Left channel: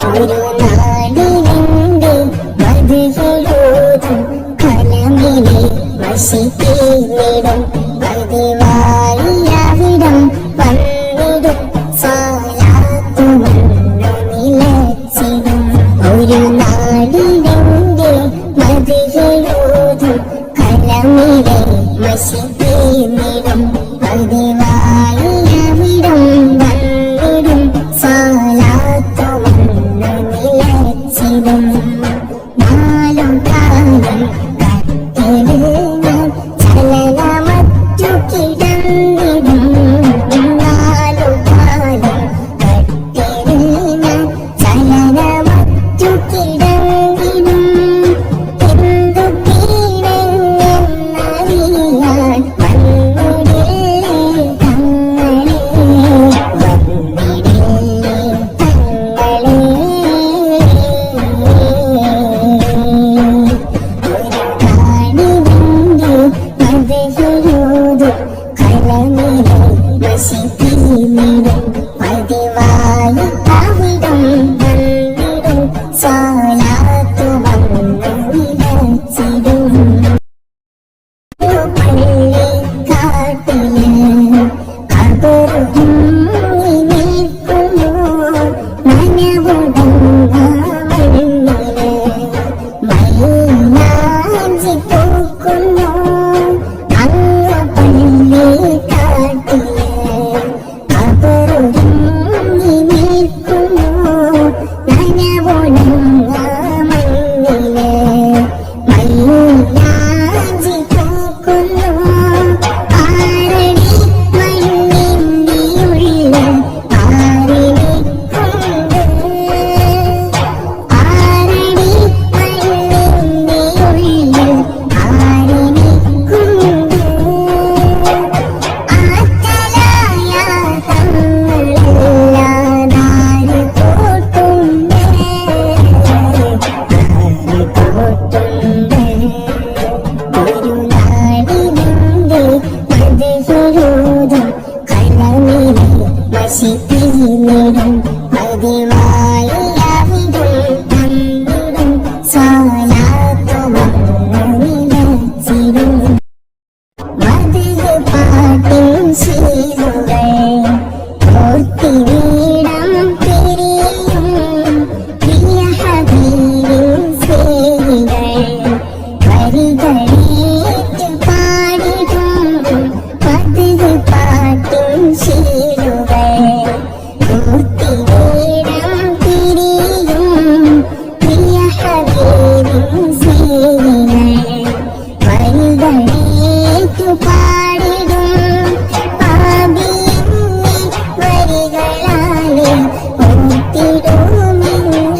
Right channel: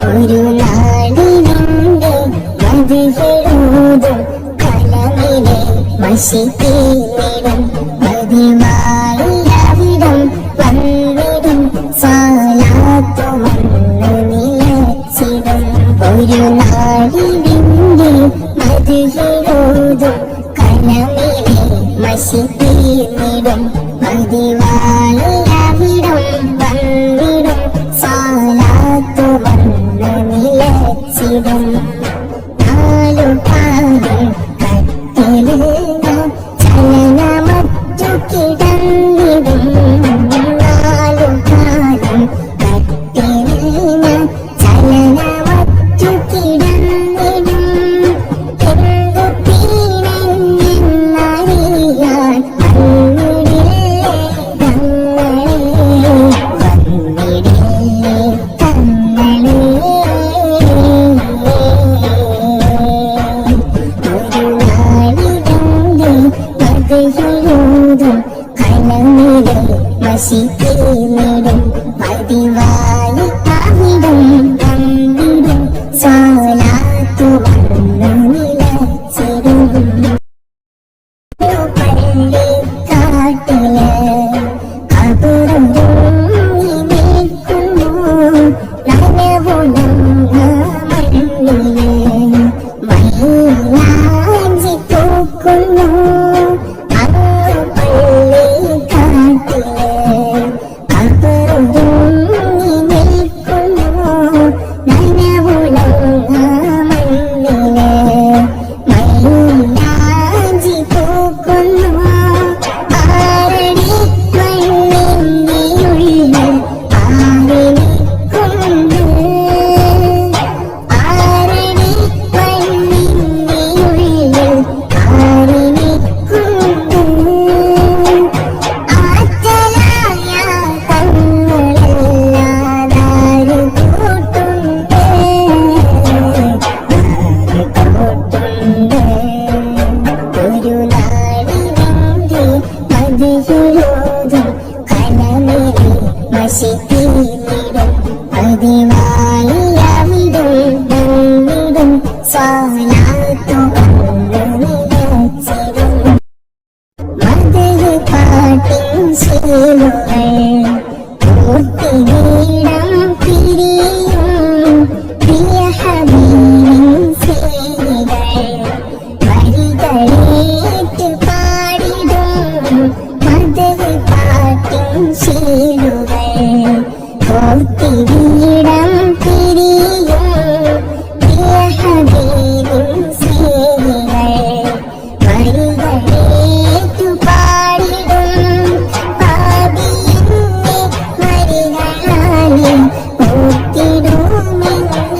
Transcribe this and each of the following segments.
ഒരു നാടിനെ മതിയെഴുതും കലമിലെ മഷിതീർന്നിടും പതിവായിടം വന്നിടും സാലാത്തു വന്നു നിലച്ചിടും ഒരു നാടിനെ മതിയെഴുതും കലമിലെ മഷിതീർന്നിടും പതിവായിടം വന്നിടും സാലാത്തു നാലു കാലം കത്തില് ചലനമറ്റു കിടന്നിടും നാലു കാലം കത്തില് ചലനമറ്റു കിടന്നിടും എന്തു തീരെന്നറിയാൻ വന്നിടില്ലേ തങ്ങളെ മഷിതീർന്നിടും പതിവായി അവിടം വന്നിടും സാലാത്തു വന്നു നിലച്ചിടും പള്ളി കാട്ടില് കബറൊരുങ്ങി നിൽക്കുന്നു നനവുടങ്ങ മണ്ണില് മൈലാഞ്ചി പൂക്കുന്നു അങ്ങ് പള്ളി കാട്ടില് കബറൊരുങ്ങി നിൽക്കുന്നു നനവുടങ്ങ മണ്ണില് മൈലാഞ്ചി പൂക്കുന്നു ആരടി മണ്ണിന്റെ ഉള്ളിൽ ആരിനിക്കൊണ്ട് ആരടി മണ്ണിന്റെ ഉള്ളിൽ ആരിനിക്കൊണ്ട് ആറ്റലായ തങ്ങളല്ലാതാര് കൂട്ടുണ്ട് ഒരു നാടിനെ മതിയെഴുതും കലമിലെ മഷിതീർന്നിടും പതിവായി അവിടും വന്നിടും സാലാത്തു വന്നു നിലച്ചിടും മധുര പാട്ടിൻ ശീലുകൾ ഓർത്തിടം പിരിയും പ്രിയ ഹബീബിൻ സ്നേഹികൾ വരികളേറ്റ് പാടിടും മധുര പാട്ടിൻ ശീലുകൾ ഓർത്തിടം പിരിയും പ്രിയ ഹബീബിൻ സ്നേഹികൾ വരികളേറ്റു പാടിടും പാപിന്റെ വരികളാലെ ഓർത്തിടുമെങ്കിൽ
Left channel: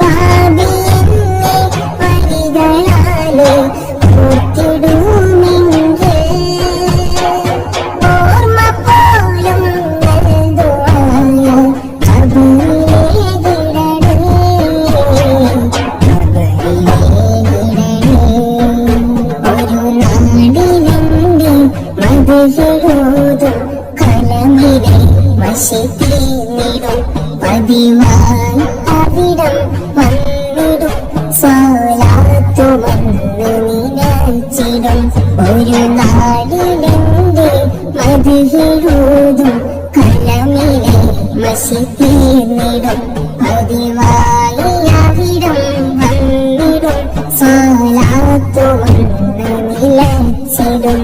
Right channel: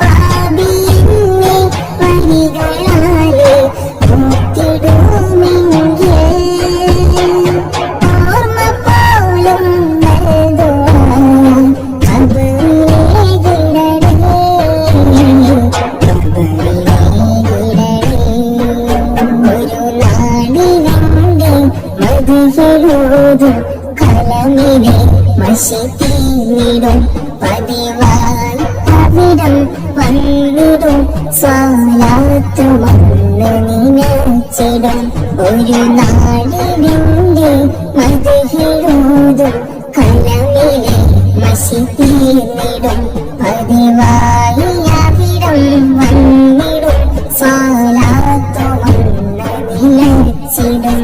പാപിന്റെ വരികളാലെ ഓർത്തിടുമെങ്കിൽ ഓർമ്മ പോലും നൽകുവാൻ കബറിലെ കിടണേ ഒരു നാടിനെ മതിയെഴുതും കലമിലെ മഷിതീർന്നിടും പതിവായി അവിടം വന്നിടും സാലാത്തു വന്നു നിലച്ചിടും ഒരു നാടിനെ മതിയെഴുതും കലമിലെ മഷിതീർന്നിടും പതിവായി അവിടം വന്നിടും സാലാത്തു വന്നു നിലച്ചിടും